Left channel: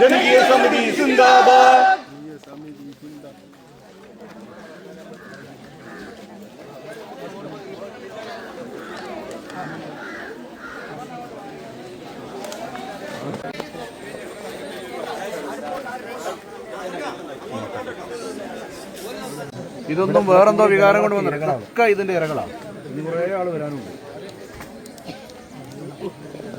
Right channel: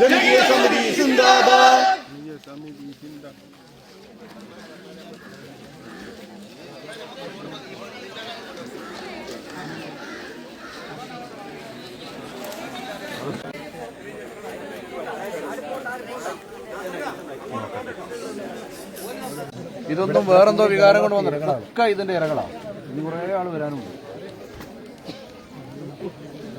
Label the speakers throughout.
Speaker 1: ജനകീയ സമിതി സിന്ദാബാദ്
Speaker 2: ഇതൊന്നും വേറെന്തോ വികാരം കൊണ്ട് വന്നിട്ടുണ്ട്. ഒക്കെ ഇതിന്റെ ഇരകളാണ് ഇനി കുറേ ആൾ വരാനുണ്ട്.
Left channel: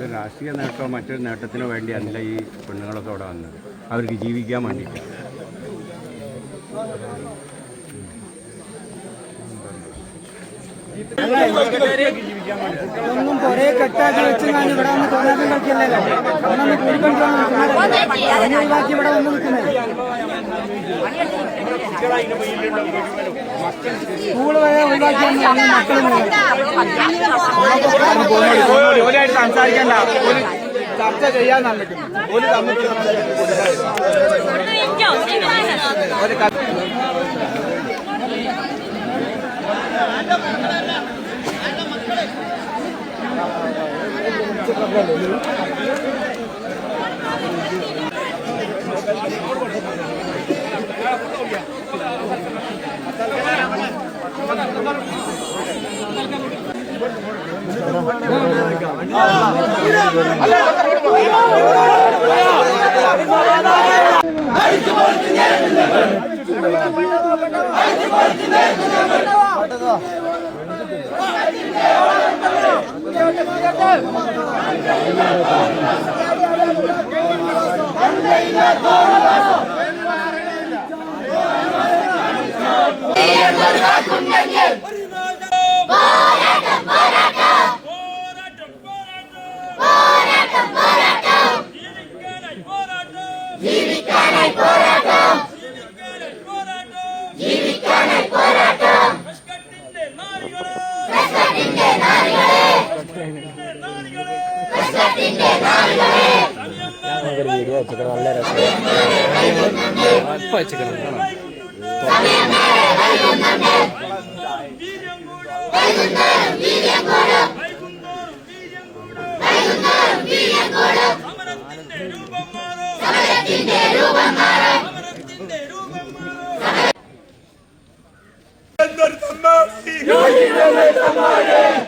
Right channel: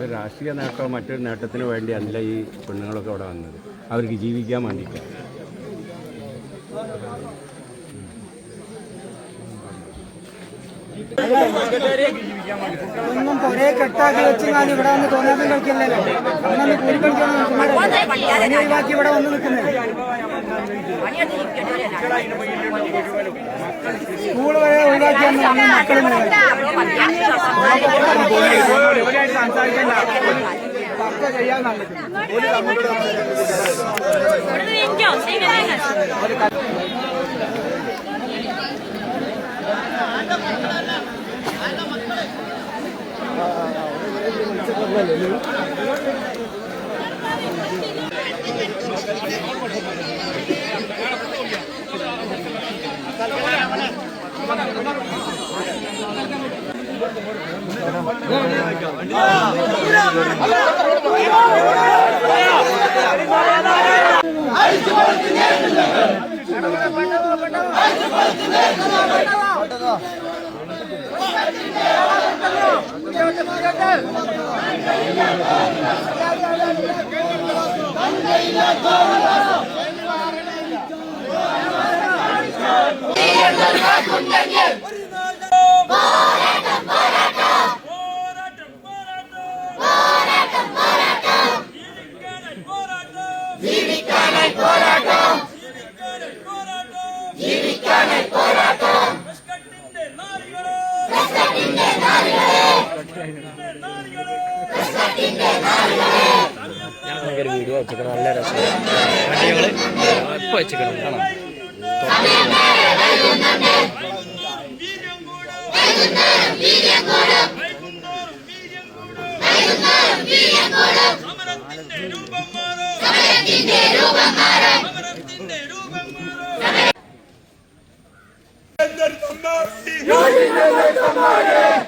Speaker 3: ഒരു രാഷ്ട്രീയ നേട്ടമോ മറ്റൊരു നേട്ടത്തിനോ വേണ്ടിയല്ല ഈ പെണ്ണുങ്ങളൊക്കെ അവിടെ വന്നത്. അവർക്ക് ജീവിക്കാൻ വേണ്ടിയിട്ട്.
Speaker 4: ഒന്നും ഒരേ കെട്ടാക്കി വെച്ച് ഞാൻ ഇവിടെ വന്ന് തോന്നാൻ കളിക്കുന്നില്ല ഒന്നും കൂടിക്കൊണ്ടിരുന്ന ഒഴിവാക്കി ഇവിടെ വന്ന് നിൽക്കുന്നത് സ്കൂൾ ഒഴിവാക്കിയാണ് അന്ന് മക്കൾ സംസാരിക്കണ്ട ചർച്ച ചെയ്യാൻ அழித்து கொடுத்து நேர்ந்தவர் அழித்து கொடுத்து நேர்ந்தவர் போராட்டம் ஜீவிக்கான போராட்டம்.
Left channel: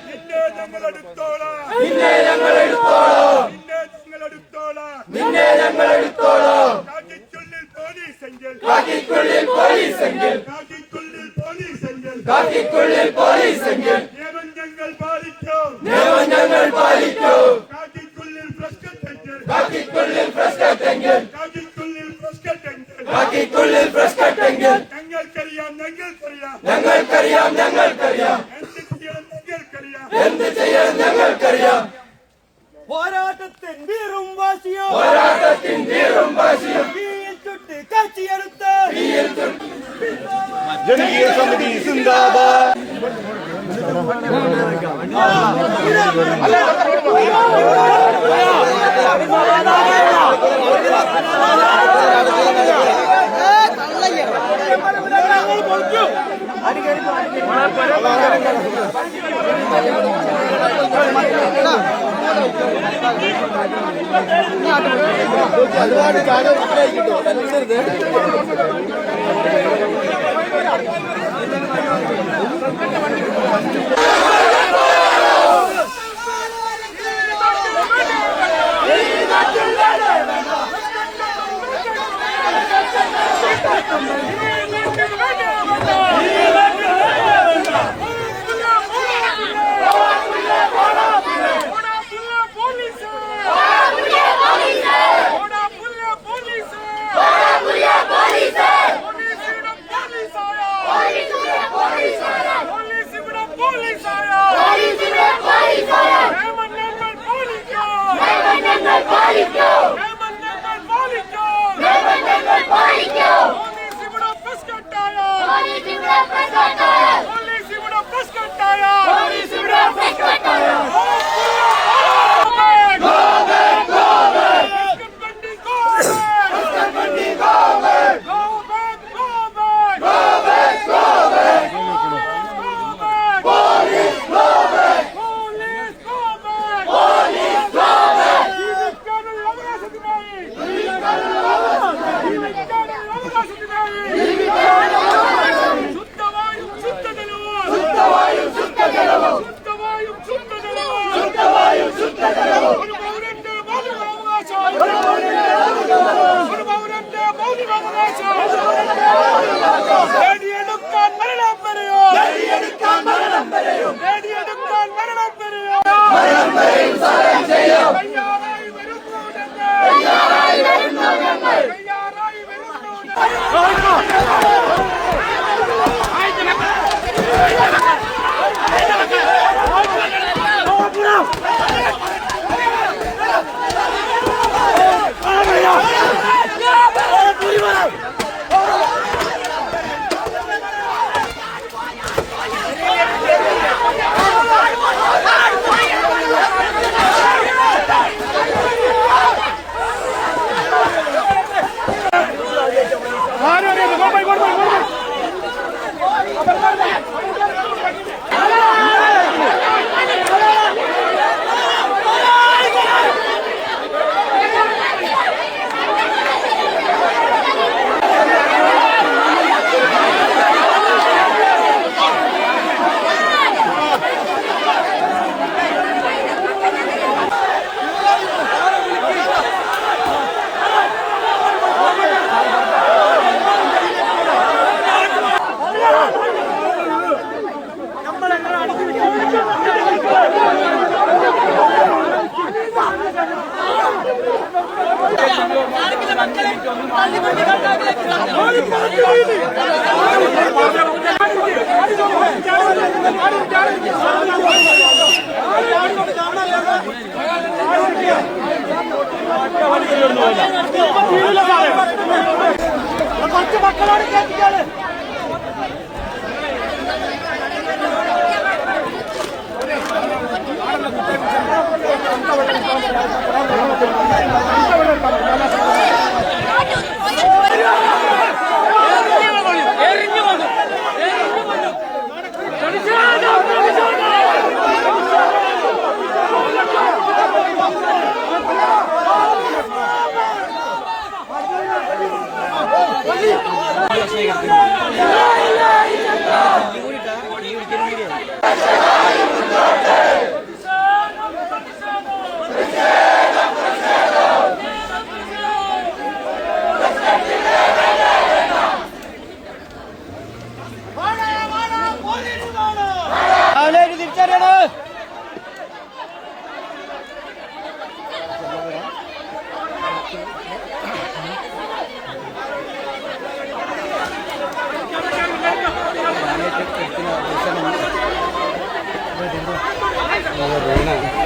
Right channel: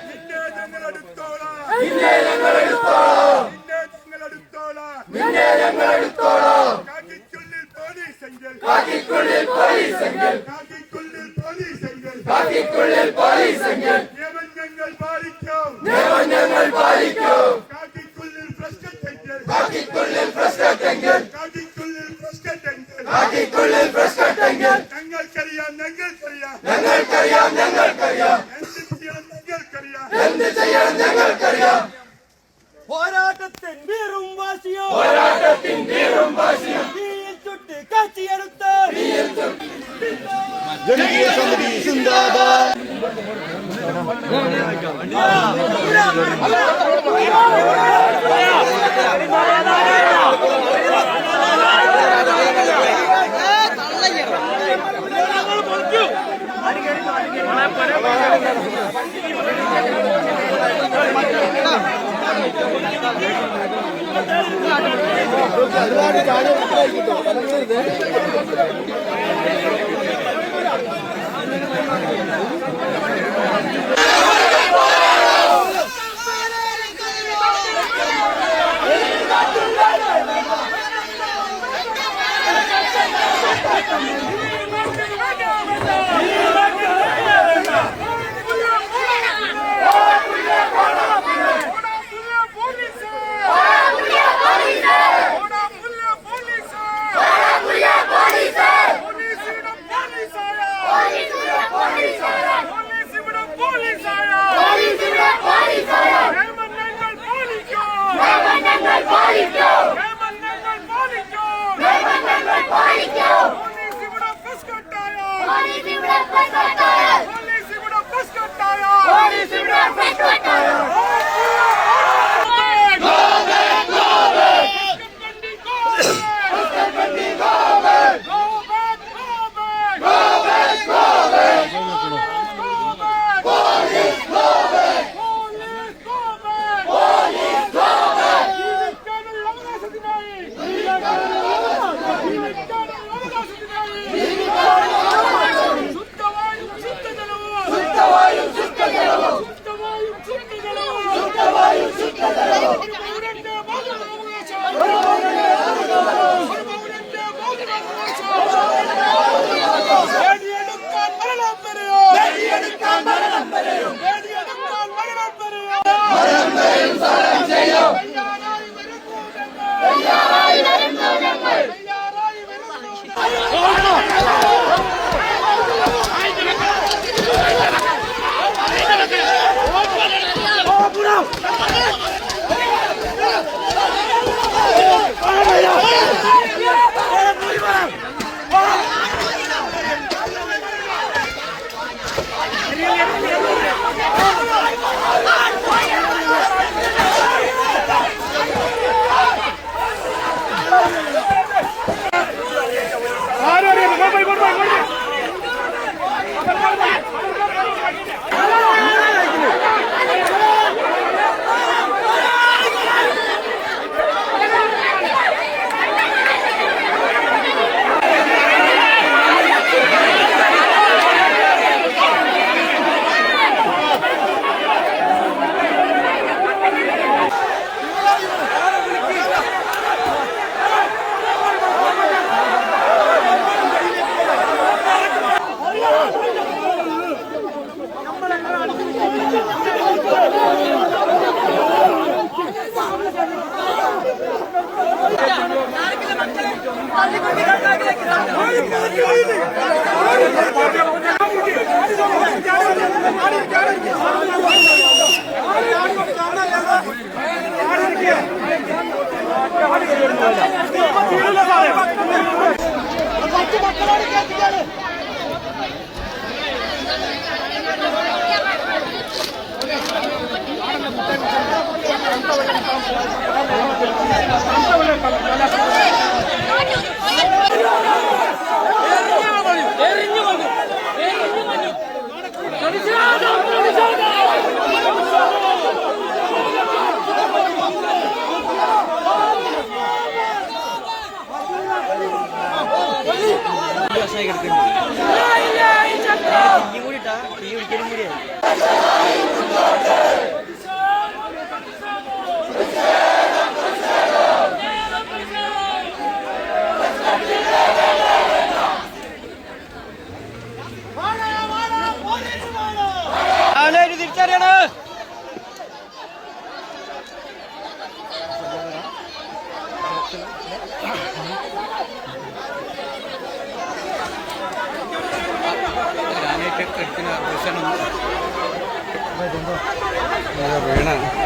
Speaker 5: നിന്നെ ഞങ്ങൾ എടുത്തോളാം നിന്നെ ഞങ്ങൾ എടുത്തോളാം നിന്നെ ഞങ്ങൾ എടുത്തോളാം. കാക്കിക്കുള്ളിൽ പോലീസെങ്കിൽ. കാക്കിക്കുള്ളിൽ പോലീസെങ്കിൽ. കാക്കിക്കുള്ളിൽ പോലീസെങ്കിൽ. കാക്കിക്കുള്ളിൽ പോലീസെങ്കിൽ. നിയമം ഞങ്ങൾ പാലിക്കും. നിയമം ഞങ്ങൾ പാലിക്കും. കാക്കിക്കുള്ളിൽ പ്രശ്നത്തെങ്കിൽ. കാക്കിക്കുള്ളിൽ പ്രശ്നത്തെങ്കിൽ. കാക്കിക്കുള്ളിൽ പ്രശ്നത്തെങ്കിൽ. കാക്കിക്കുള്ളിൽ പ്രശ്നത്തെങ്കിൽ. ഞങ്ങൾക്കറിയാം ഞങ്ങൾക്കറിയാം. ഞങ്ങൾക്കറിയാം ഞങ്ങൾക്കറിയാം. എന്ത് ചെയ്യണം ഞങ്ങൾക്കറിയാം. എന്ത് ചെയ്യണം ഞങ്ങൾക്കറിയാം.
Speaker 1: வீரும் வாசியம். போராட்டத்தின்
Speaker 6: வீரும் வாசியம்.
Speaker 4: தீயில் சுட்டு காட்சி எடுத்த ஜனகிய சமிதி சிந்தாபா அல்ல കാച്ചിയെടുത്ത കാലം സമിതി സിന്ദാബാദ് ഞങ്ങൾ പാലിക്കും சமரசம் செய்யும் കുറച്ച് മക്കളോട് Tira e o
Speaker 3: dinheiro. 我也没
Speaker 7: 拿。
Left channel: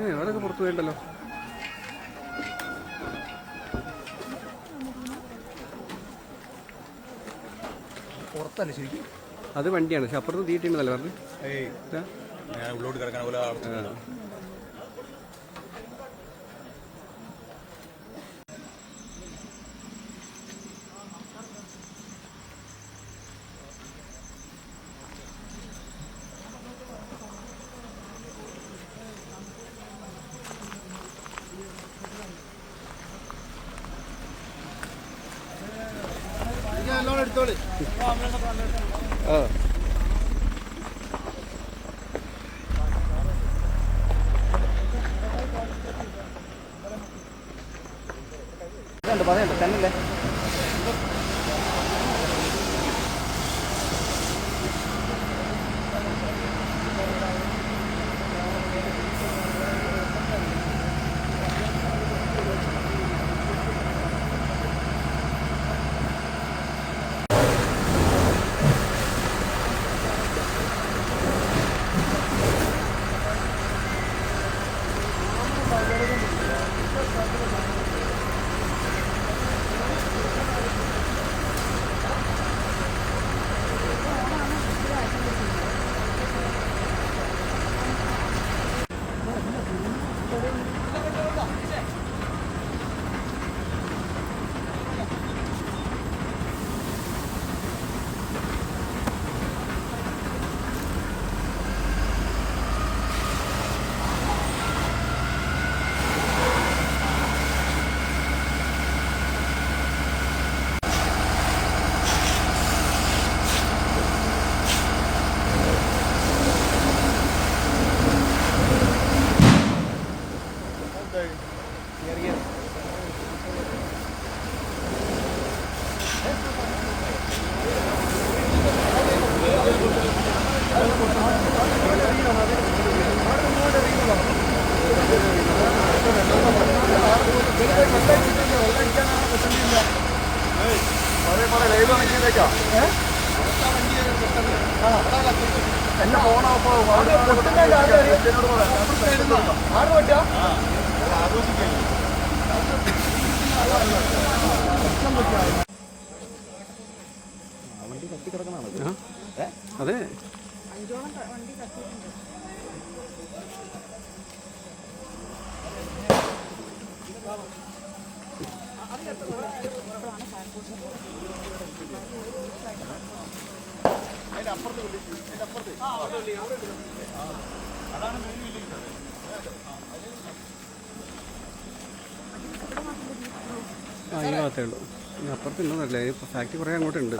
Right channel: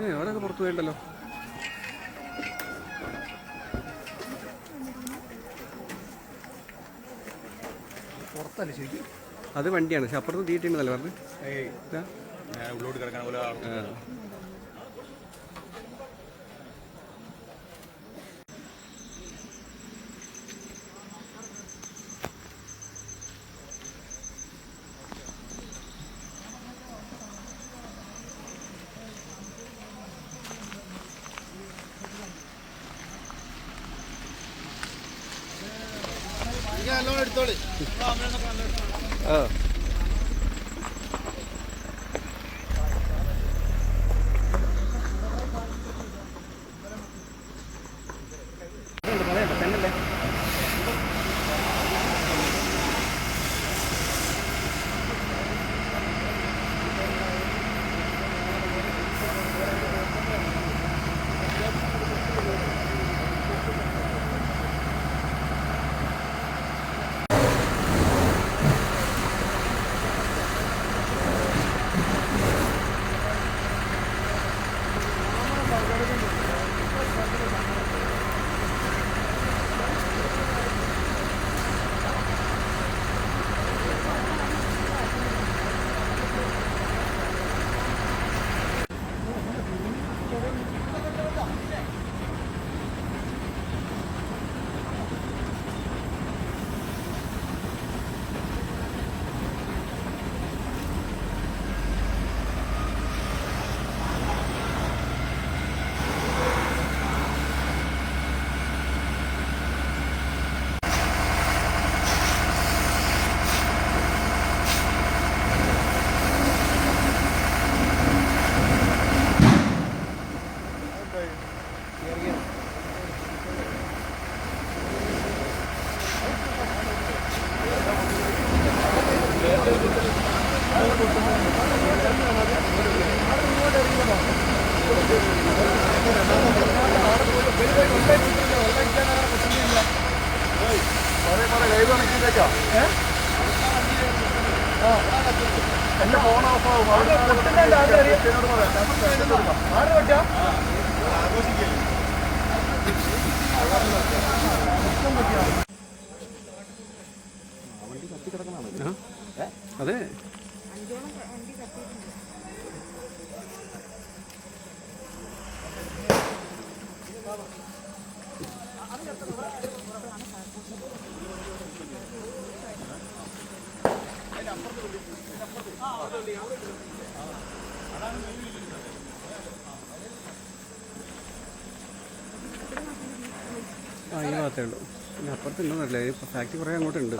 Speaker 3: ഏ അവരൊക്കെ പുറത്തു പോയിട്ടല്ലോ അത് വണ്ടിയാണ്. പക്ഷെ അപ്പുറത്ത് തീറ്റിണ്ടല്ലേ പറഞ്ഞു. Ah. ആ ആ? അതെ. ആ ഈ ഭാഗത്തേ ഉള്ളൂ. അപ്പുറത്തുണ്ടെന്നല്ലേ ഫാക്ടറി കുറേ അങ്ങോട്ടുണ്ട്.